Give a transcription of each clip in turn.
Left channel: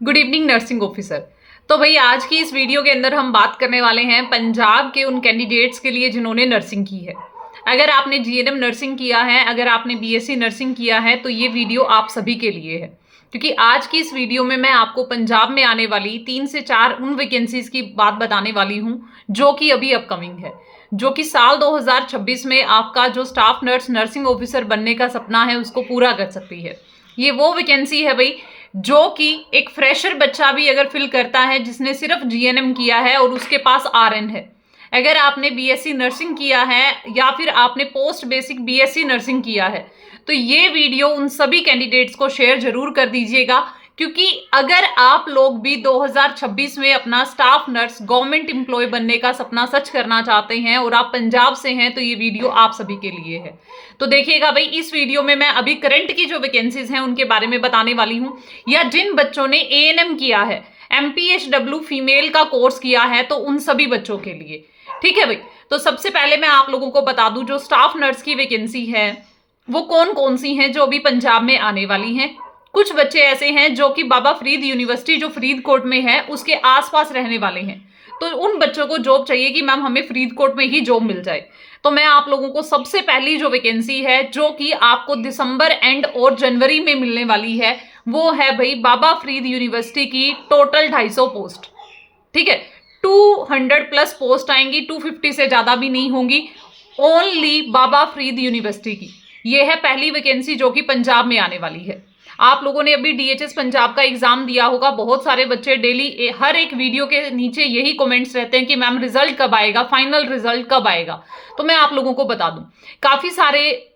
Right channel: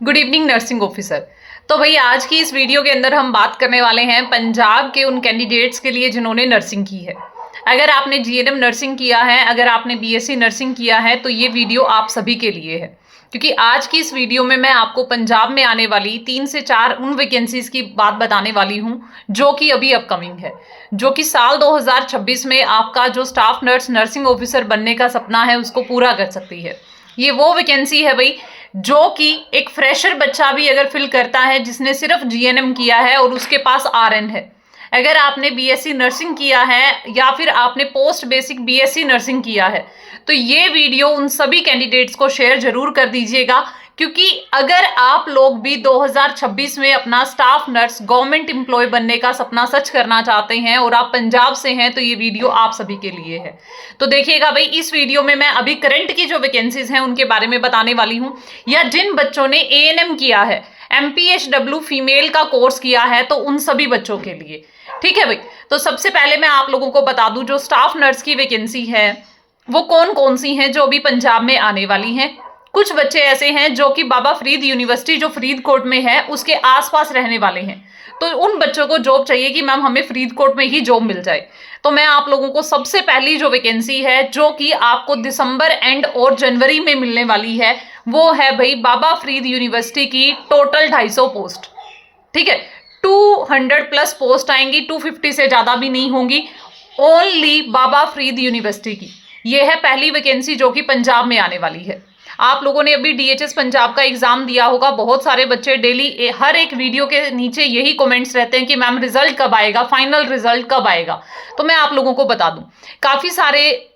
Good evening nursing officer. तो भाई आज की इस वीडियो के अंदर हम बात करने वाले हैं पंजाब के उन कैंडिडेट्स के लिए जिन्होंने नर्सिंग की है। अगर आपने जीएनएम नर्सिंग किया है, अगर आपने बीएससी नर्सिंग किया है तो ये वीडियो आप सभी के लिए है, क्योंकि आज की इस वीडियो में मैं आपको पंजाब में आने वाली 3 से 4 उन वैकेंसीज की बात बताने वाली हूँ जो कि अभी अपकमिंग है, जो कि साल 2026 में आपका जो स्टाफ नर्स नर्सिंग ऑफिसर बनने का सपना है उसको पूरा कर सकती है। ये वो वैकेंसी है भाई जो कि एक फ्रेशर बच्चा भी अगर फिल करता है जिसने सिर्फ जीएनएम किया है और उसके पास आरएन है। अगर आपने बीएससी नर्सिंग किया है या फिर आपने पोस्ट बेसिक बीएससी नर्सिंग किया है तो ये वीडियो उन सभी कैंडिडेट्स को शेयर जरूर कर दीजिएगा, क्योंकि अगर आप लोग भी 2026 में अपना स्टाफ नर्स गवर्नमेंट एम्प्लॉय बनने का सपना सच करना चाहते हैं और आप पंजाब से हैं तो ये वीडियो आप सभी के लिए है। तो देखिएगा भाई, इस वीडियो में मैं अभी करंट की जो वैकेंसीज हैं उनके बारे में बताने वाली हूं, या जिन बच्चों ने एएनएम किया है, एमपीएचडब्ल्यू फीमेल का कोर्स किया है, तो उन सभी बच्चों के लिए। ठीक है भाई, तो सबसे पहले मैं आप लोगों को बता दूं जो स्टाफ नर्स की वैकेंसी है वो कौन कौन सी हैं जो अभी पंजाब में आने वाली हैं। कुछ बच्चे ऐसे हैं जो कि बाबा फरीद यूनिवर्सिटी जो फरीदकोट में है उसके आसपास रहने वाले हैं, तो उन बच्चों को जॉब चाहिए कि मैम हमें फरीदकोट में ही जॉब मिल जाए। तो मैं आप लोगों को सबसे पहली जो वैकेंसी है जो कि आपको दिसंबर एंड और जनवरी में मिलने वाली है वो है भाई बाबा फरीद यूनिवर्सिटी की टोटल 250 पोस्ट। ठीक है, 200 प्लस पोस्ट आएंगी, 250 से ज्यादा भी नहीं होंगी, ओनली बाबा फरीद यूनिवर्सिटी की। ये है पहली वैकेंसी जो कि पंजाब में आने वाली है। आप लोगों ने अभी डीएचएस पंजाब का एग्जाम दिया होगा, बहुत सारे बच्चे डेली हर एक वीडियो के नीचे यही कमेंट्स रहते हैं कि मैम रिजल्ट कब आएगा, फाइनल रिजल्ट कब आएगा। तो मैं आप लोगों को बता दूं, काफी सारे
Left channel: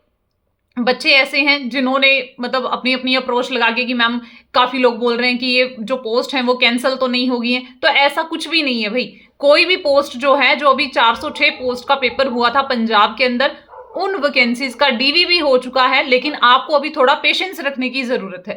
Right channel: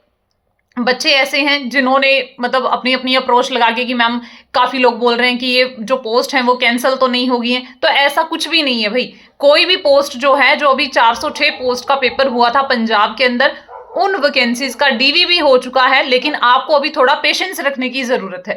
बच्चे ऐसे हैं जिन्होंने मतलब अपनी अपनी अप्रोच लगा के कि मैम काफी लोग बोल रहे हैं कि ये जो पोस्ट है वो कैंसिल तो नहीं होगी है। तो ऐसा कुछ भी नहीं है भाई, कोई भी पोस्ट जो है, जो अभी 406 पोस्ट का पेपर हुआ था पंजाब के अंदर, उन वैकेंसीज का डीवी भी हो चुका है, लेकिन आपको अभी थोड़ा पेशेंस रखने की जरूरत है।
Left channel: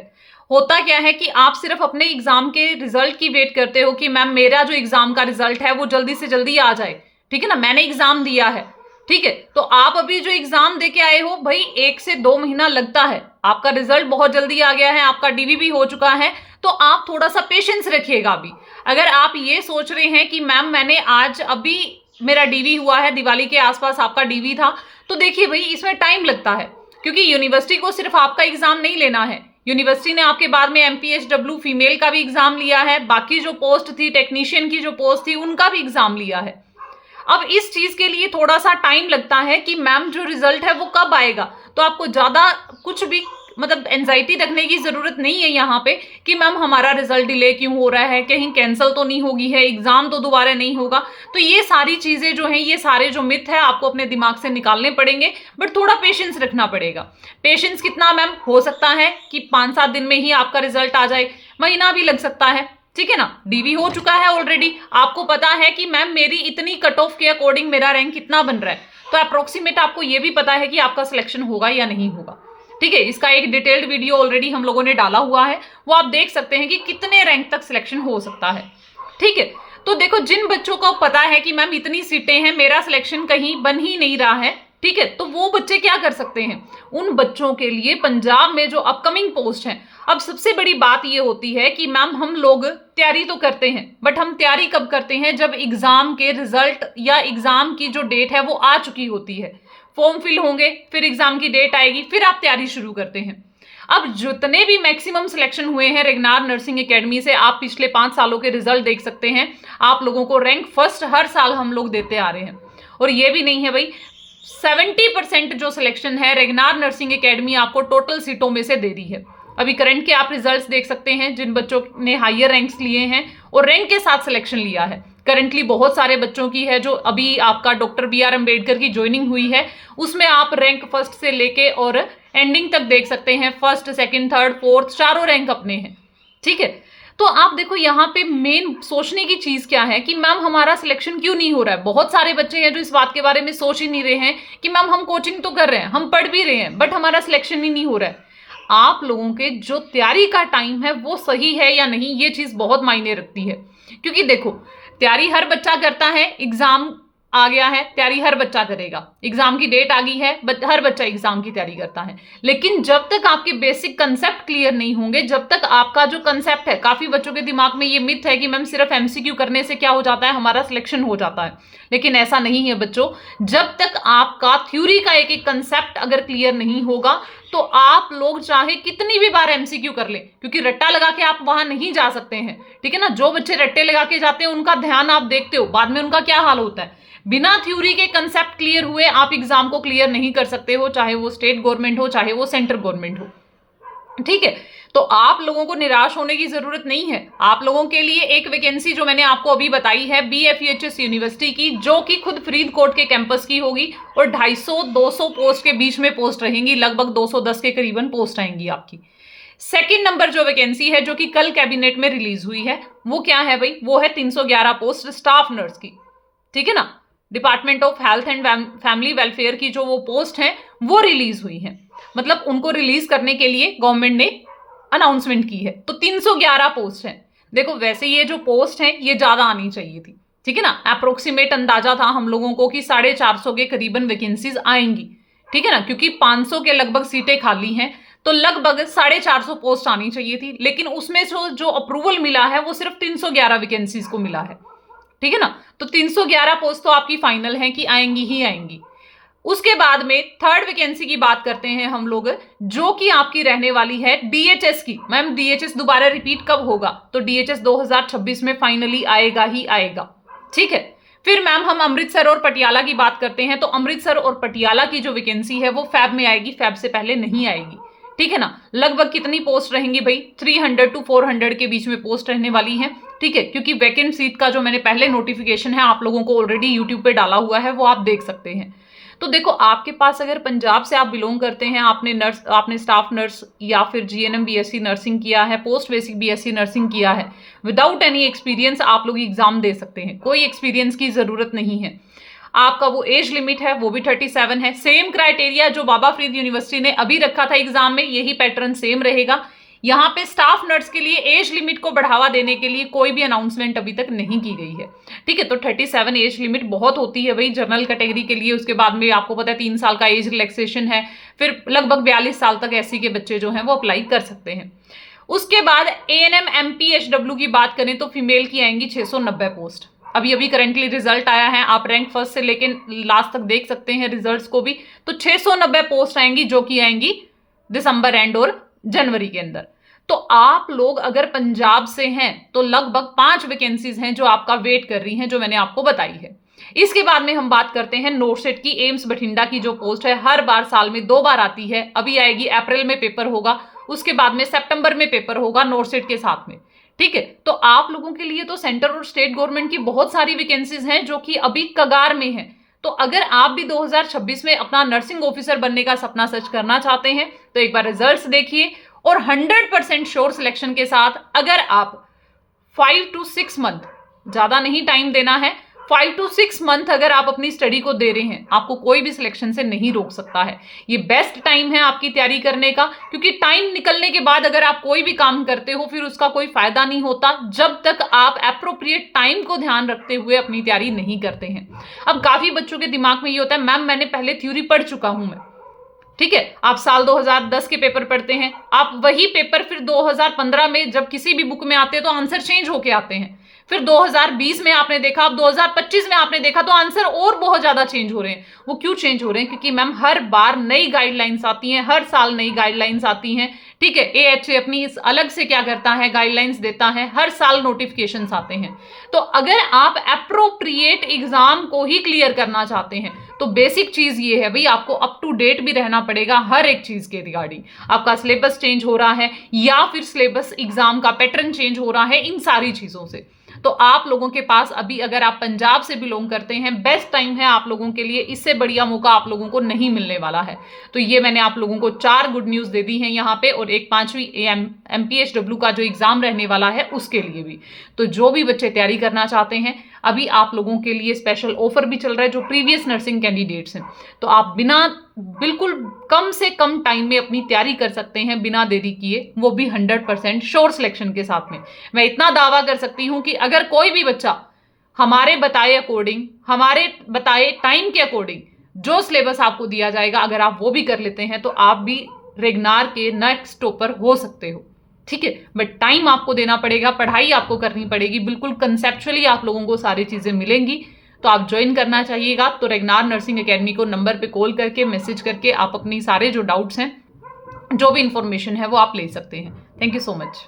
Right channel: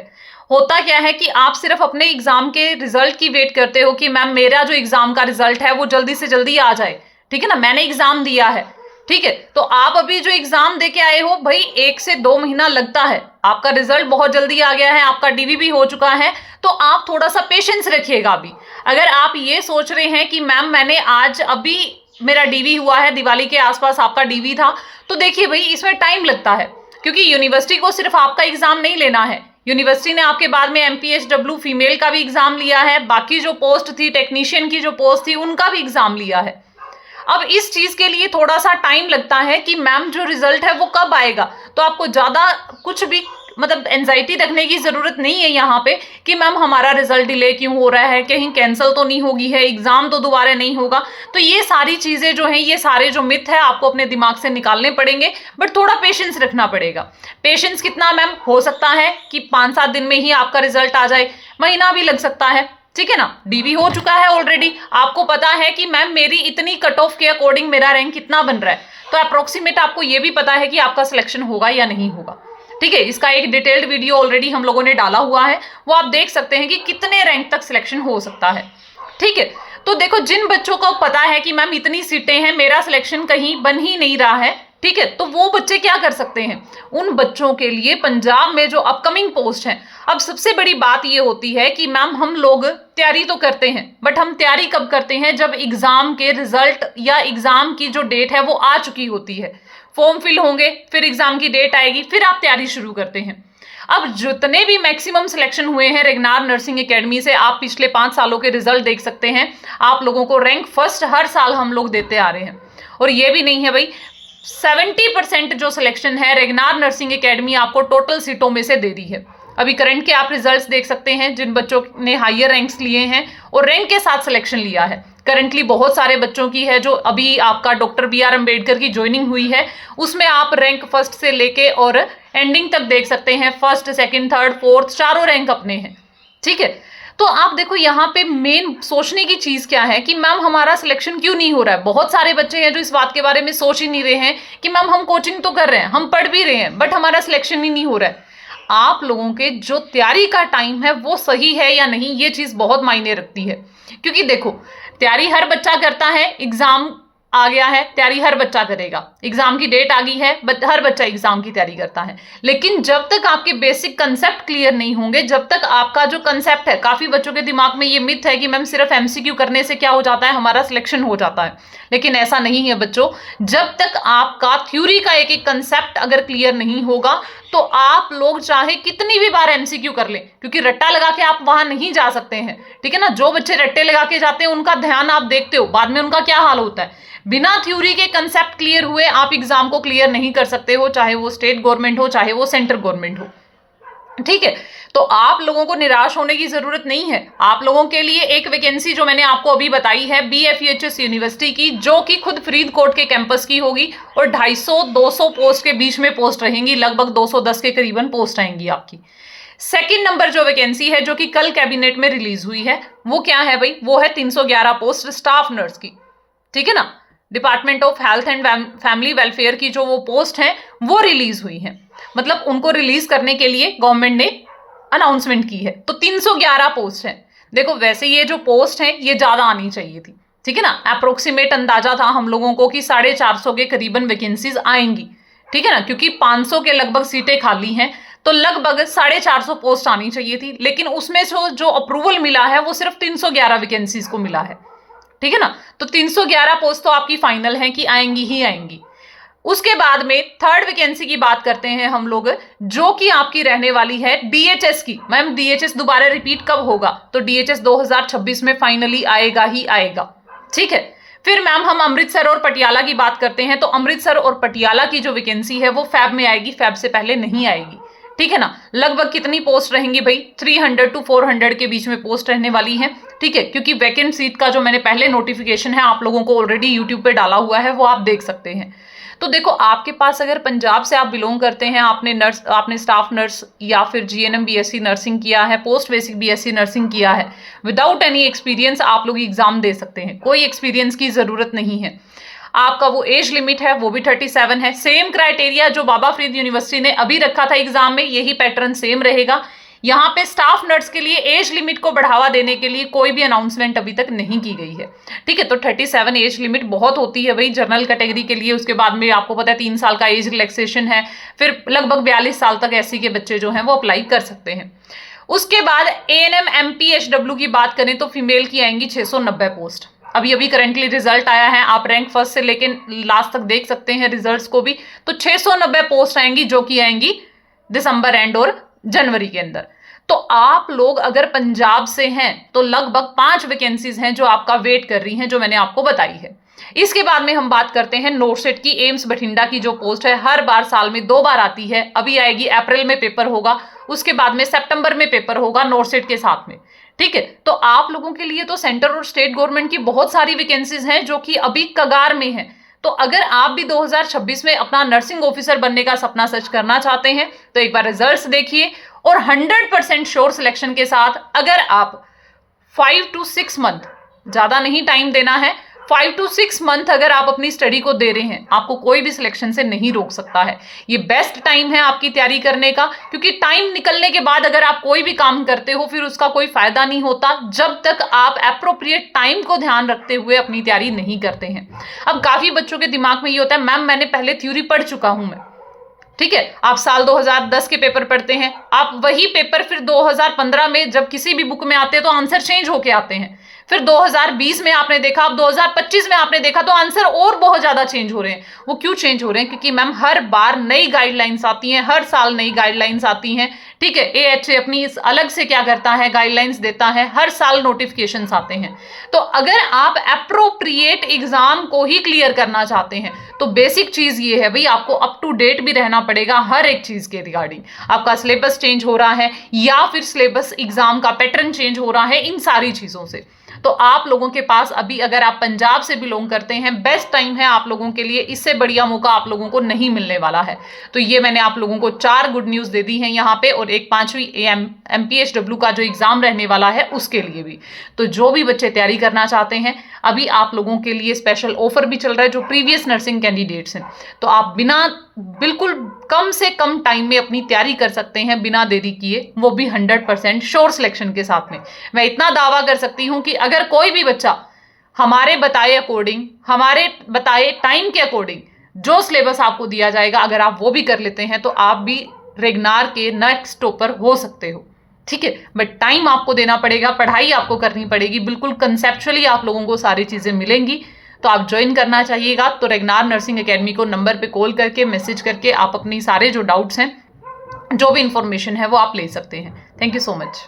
होता क्या है कि आप सिर्फ अपने एग्जाम के रिजल्ट की वेट करते हो कि मैम मेरा जो एग्जाम का रिजल्ट है वो जल्दी से जल्दी आ जाए। ठीक है ना, मैंने एग्जाम दिया है, ठीक है, तो आप अभी जो एग्जाम दे के आए हो भाई 1 से 2 महीना लगता है, आपका रिजल्ट बहुत जल्दी आ गया है, आपका डीवी भी हो चुका है, तो आप थोड़ा सा पेशेंस रखिएगा अभी। अगर आप ये सोच रहे हैं कि मैम मैंने आज अभी मेरा डीवी हुआ है, दिवाली के आसपास आपका डीवी था, तो देखिए भाई इसमें टाइम लगता है, क्योंकि यूनिवर्सिटी को सिर्फ आपका एग्जाम नहीं लेना है, यूनिवर्सिटी ने आपके बाद में एमपीएचडब्ल्यू फीमेल का भी एग्जाम लिया है, बाकी जो पोस्ट थी टेक्नीशियन की जो पोस्ट थी उनका भी एग्जाम लिया है। अब इस चीज के लिए थोड़ा सा टाइम लगता है कि मैम जो रिजल्ट है वो कब आएगा, तो आपको ज्यादा कुछ भी मतलब एंजाइटी रखने की जरूरत नहीं है यहाँ पे कि मैम हमारा रिजल्ट डिले क्यों हो रहा है, कहीं कैंसिल तो नहीं होगी है, एग्जाम तो दोबारा नहीं होगा। तो ये सारी चीजें जो हैं, ये सारे जो मिथ है आपको अपने दिमाग से निकालने पड़ेंगे, बट थोड़ा पेशेंस रखना पड़ेगा। पेशेंस कितना मैम, हो सकता है कि 5-7 दिन में ही आपका रिजल्ट आ जाए, महीना भी लग सकता है। ठीक है ना, डीवी हो चुका है ऑलरेडी, आपको पता है कि मैम मेरी इतनी कट ऑफ के अकॉर्डिंग मेरा रैंक कितना बन रहा है, तो अप्रोक्सीमेट आपको ये भी पता है कि आपका सिलेक्शन होगा या नहीं होगा। ठीक है, इसका एक डिटेल्ड वीडियो ऑलरेडी हम लोगों ने डाला हुआ है, वो आप देख सकते हैं कि कितने रैंक तक सिलेक्शन हो सकता है। ठीक है, तो देखो जिन बच्चों को पता है कि मैम इतनी सीटें हैं, मेरा सिलेक्शन कहीं बन ही नहीं रहा है, ठीक है, तो वो बच्चे क्या कर सकते हैं, उन बच्चों के लिए पंजाब में जो अपकमिंग पोस्ट हैं। अब सबसे बड़ी बात ये होती है कि मैम हम लोग तैयारी तो करते हैं, बट हम तैयारी कब करते हैं, जब एग्जाम के रिजल्ट या एग्जाम की जो डेट है वो आ चुकी होती है, फॉर्म फिल होंगे, फिर एग्जाम की डेट आएगी, फिर आप तैयारी शुरू करते हैं। अब जितने भी मैक्सिमम सिलेक्शन हुए हैं रेगनार नर्सिंग एकेडमी से, आप पिछले 5 सालों के रिजल्ट देख सकते हैं, आप लोगों को रैंक फर्स्ट हर साल हम लोग देते आ रहे हैं। और ये भी नहीं है भाई, 70% जो सिलेक्शन है रेगनार नर्सिंग एकेडमी आपको टोटल सीटों में से दे रही है। अभी करंट के आप रिजल्ट्स देख सकते हैं, जिन बच्चों ने हायर रैंक्स लिए हैं और रैंक के साथ सिलेक्शन लिया है, करंटली बहुत सारे बच्चों की है जो अभी आपका डॉक्टर BR अम्बेडकर की ज्वाइनिंग हुई है, उसमें आप रैंक फर्स्ट से लेके और एंडिंग तक देख सकते हैं, फर्स्ट, सेकंड, थर्ड, फोर्थ, चारों रैंक अपने हैं। ठीक है, तो आप देखो यहाँ पे मेन सोचने की चीज क्या है कि मैम हमारा सिलेक्शन क्यों नहीं हो रहा है। बहुत सारे बच्चे हैं जो इस बात के बारे में सोच ही नहीं रहे हैं कि मैम हम कोचिंग तो कर रहे हैं, हम पढ़ भी रहे हैं, बट हमारा सिलेक्शन ही नहीं हो रहा है। आप लोगों के जो तैयारी का टाइम है वो सही है या नहीं, ये चीज बहुत मायने रखती है, क्योंकि देखो तैयारी हर बच्चा करता है, एग्जाम आ गया है, तैयारी हर बच्चा करेगा, एग्जाम की डेट आ गई है, हर बच्चा एग्जाम की तैयारी करता है। लेकिन जब तक आपके बेसिक कंसेप्ट क्लियर नहीं होंगे, जब तक आपका जो कंसेप्ट है, काफी बच्चों के दिमाग में ये मिथ है कि मैम सिर्फ एमसीक्यू करने से क्या हो जाता है, हमारा सिलेक्शन हो जाता है, लेकिन ऐसा नहीं है बच्चों। जब तक आपका थ्योरी का एक एक कंसेप्ट अगर क्लियर नहीं होगा, तो आप लोग चाहे कितनी भी बार एमसीक्यू कर लें, क्योंकि रट्टा लगा के आप वहां नहीं जा सकते हैं, ठीक है ना। जो बच्चे रट्टे लगा के जाते हैं उनका ध्यान आप देखते हो, बाद में उनका क्या हाल होता है। बिना थ्योरी के कंसेप्ट क्लियर हुए आप एग्जाम को क्लियर नहीं कर सकते हो, चाहे वो स्टेट गवर्नमेंट हो, चाहे वो सेंट्रल गवर्नमेंट हो, ठीक है। तो आप लोगों को निराश होने की जरूरत नहीं है। आप लोगों के लिए एक वैकेंसी जो मैंने आपको अभी बताई है BFEHS यूनिवर्सिटी की, जो कि खुद फरीदकोट के कैंपस की होगी, और 250-200 पोस्ट के बीच में पोस्ट रहेंगी, लगभग 210 के करीबन पोस्ट आएंगी आपकी। सेकंड नंबर जो वैकेंसी है, जो कि कल कैबिनेट में रिलीज हुई है, वो क्या है भाई, वो है 311 पोस्ट स्टाफ नर्स की, ठीक है ना। Department of health and family welfare की जो वो पोस्ट है वो रिलीज हुई है, मतलब उनको रिलीज करने के लिए गवर्नमेंट ने अनाउंसमेंट की है। तो 311 पोस्ट है। देखो वैसे ये जो पोस्ट है ये ज्यादा आनी चाहिए थी, ठीक है ना। अप्रोक्सीमेट अंदाजा था हम लोगों को कि 450 के करीबन वैकेंसीज आएंगी, ठीक है ना, क्योंकि 500 के लगभग सीटें खाली हैं, तो लगभग 450 पोस्ट आनी चाहिए थी। लेकिन उसमें जो अप्रूवल मिला है वो सिर्फ 311 वैकेंसीज को मिला है, ठीक है ना। तो 311 पोस्ट तो आपकी फाइनल है कि आएंगी ही आएंगी। उसके बाद में थर्ड वैकेंसी की बात करते हैं हम लोग, जो कि आपकी रहने वाली है DHS की। मैम DHS दोबारा रिपीट कब होगा, तो DHS 2026 में फाइनली आएगा ही आएगा, ठीक है। फिर मैम हम अमृतसर और पटियाला की बात करते हैं, तो अमृतसर और पटियाला की जो वैकेंसी है वो फैब में आएगी, फैब से पहले नहीं आएगी, ठीक है ना। लगभग कितनी पोस्ट रहेंगी भाई, 300 to 400 के बीच में पोस्ट रहने वाली है, ठीक है। क्योंकि वैकेंट सीट का जो मैंने पहले नोटिफिकेशन है आप लोगों को ऑलरेडी यूट्यूब पे डाला हुआ है, वो आप देख सकते हैं। तो देखो आपके पास अगर पंजाब से आप बिलोंग करते हैं, आपने स्टाफ नर्स या फिर GNM BSc नर्सिंग किया है, पोस्ट बेसिक BSc नर्सिंग किया है, विदाउट एनी एक्सपीरियंस आप लोग एग्जाम दे सकते हैं, कोई एक्सपीरियंस की जरूरत नहीं है। आपका वो एज लिमिट है वो भी 37 है। सेम क्राइटेरिया जो बाबा फरीद यूनिवर्सिटी ने अभी रखा था एग्जाम में, यही पैटर्न सेम रहेगा। यहाँ पे स्टाफ नर्स के लिए एज लिमिट को बढ़ावा देने के लिए कोई भी अनाउंसमेंट अभी तक नहीं की गई है, ठीक है। तो 37 एज लिमिट बहुत होती है भाई जनरल कैटेगरी के लिए। उसके बाद में आपको पता है 3 साल का एज रिलैक्सेशन है, फिर लगभग 42 साल तक SC के बच्चे जो हैं वो अप्लाई कर सकते हैं। उसके बाद ANM MPHW की बात करें तो फीमेल की आएंगी 690 पोस्ट। अभी अभी करंटली रिजल्ट आया है, आप रैंक फर्स्ट से लेकिन लास्ट तक देख सकते हैं रिजल्ट्स को भी। तो 690 पोस्ट आएंगी, जो कि आएंगी दिसंबर एंड और जनवरी के अंदर। तो आप लोग अगर पंजाब से हैं तो लगभग 5 वैकेंसीज हैं जो आपका वेट कर रही हैं, जो मैंने आपको बताई है। इसके बाद में हम बात करते हैं नोटसेट की। एम्स बठिंडा की जो पोस्ट है हर बार साल में 2 बार आती है, अभी आएगी, अप्रैल में पेपर होगा, उसके बाद में सितंबर में पेपर होगा नोटसेट के साथ में, ठीक है। तो आप लोगों के लिए तो सेंटर और स्टेट गवर्नमेंट की बहुत सारी वैकेंसीज हैं जो कि अभी कगार में हैं। तो अगर आप भी 2026 में अपना नर्सिंग ऑफिसर बनने का सपना सच करना चाहते हैं तो एक बार रिजल्ट्स देखिए, और 100% श्योर सिलेक्शन के साथ अगर आप 5 to 6 मंथ, ज्यादा नहीं टाइम देना है, 5 to 6 मंथ अगर आप अपनी स्टडी को दे रहे हैं, आपको कोई भी सिलेक्शन से नहीं रोक सकता है। ये बेस्ट टाइम है आपकी तैयारी करने का, क्योंकि टाइम निकलने के बाद अगर आप कोई भी काम करते हो फिर उसका कोई फायदा नहीं होता जब तक आप एप्रोप्रिएट टाइम को ध्यान रखते हुए अपनी तैयारी नहीं करते हैं। अब काफी बच्चों के दिमाग में ये होता है, मैम मैंने पहले थ्योरी पढ़ चुका हूं मैं, ठीक है। आप साल 2010 के पेपर पढ़ते हैं, आप वही पेपर फिर 2015 में जब किसी भी बुक में आते हैं तो आंसर चेंज होके आते हैं, फिर 2020 में आपने देखा, अब 2025 में आपने देखा तो आंसर और बहुत ज्यादा चेंज हो रहे हैं। वो क्यों चेंज हो रहे हैं, क्योंकि मैम हर बार नई गाइडलाइंस आती हैं, हर साल नई गाइडलाइंस आती हैं, ठीक है। AHA अपनी इस अलग से क्या करता है, गाइडलाइंस देता है, हर साल नोटिफिकेशंस आते हैं। तो अगर आप एप्रोप्रिएट एग्जाम को ही क्लियर करना चाहते हैं तो बेसिक चीज ये है भाई, आपको अप टू डेट भी रहना पड़ेगा हर एक चीज के रिगार्डिंग। आपका सिलेबस चेंज हो रहा है या फिर सिलेबस एग्जाम का पैटर्न चेंज हो रहा है, इन सारी चीजों से। तो आप लोगों के पास अभी अगर आप पंजाब से बिलोंग करते हैं, बेस्ट टाइम है आप लोगों के लिए, इससे बढ़िया मौका आप लोगों को नहीं मिलने वाला है। तो ये मैंने आप लोगों को 4 गुड न्यूज दे दी हैं यहाँ पे, और एक 5वीं MPHW का जो एग्जाम रहने वाला है उसके लिए भी। तो जो भी बच्चे तैयारी करना चाहते हैं, अभी आप लोगों के लिए स्पेशल ऑफर भी चल रहा है जो प्रीवियस नर्सिंग कैंडिडेट्स हैं। तो आप बिल्कुल कम से कम टाइम में अपनी तैयारी कर सकते हैं बिना देरी किए, वो भी 100% श्योर सिलेक्शन के साथ में। मैं इतना दावा कर सकती हूं कि अगर कोई भी बच्चा हमारे बताए अकॉर्डिंग, हमारे बताए टाइम के अकॉर्डिंग जो सिलेबस आपको दिया जाएगा, अगर आप वो भी कर लेते हैं तो आप भी रेगनार के नेक्स्ट टॉपर हो सकते हो। ठीक है, बट टाइम आपको देना पड़ेगा, पढ़ाई आपको करनी पड़ेगी, बिल्कुल कंसेप्चुअली आप लोगों को सारी चीज़ें मिलेंगी। तो आप ज्वाइन करना चाहिएगा तो रेगनार नर्सिंग एकेडमी को नंबर पे कॉल करके, मैसेज करके आप अपनी सारे जो डाउट्स हैं, जो भी इंफॉर्मेशन है वो आप ले सकते हैं। Thank you so much.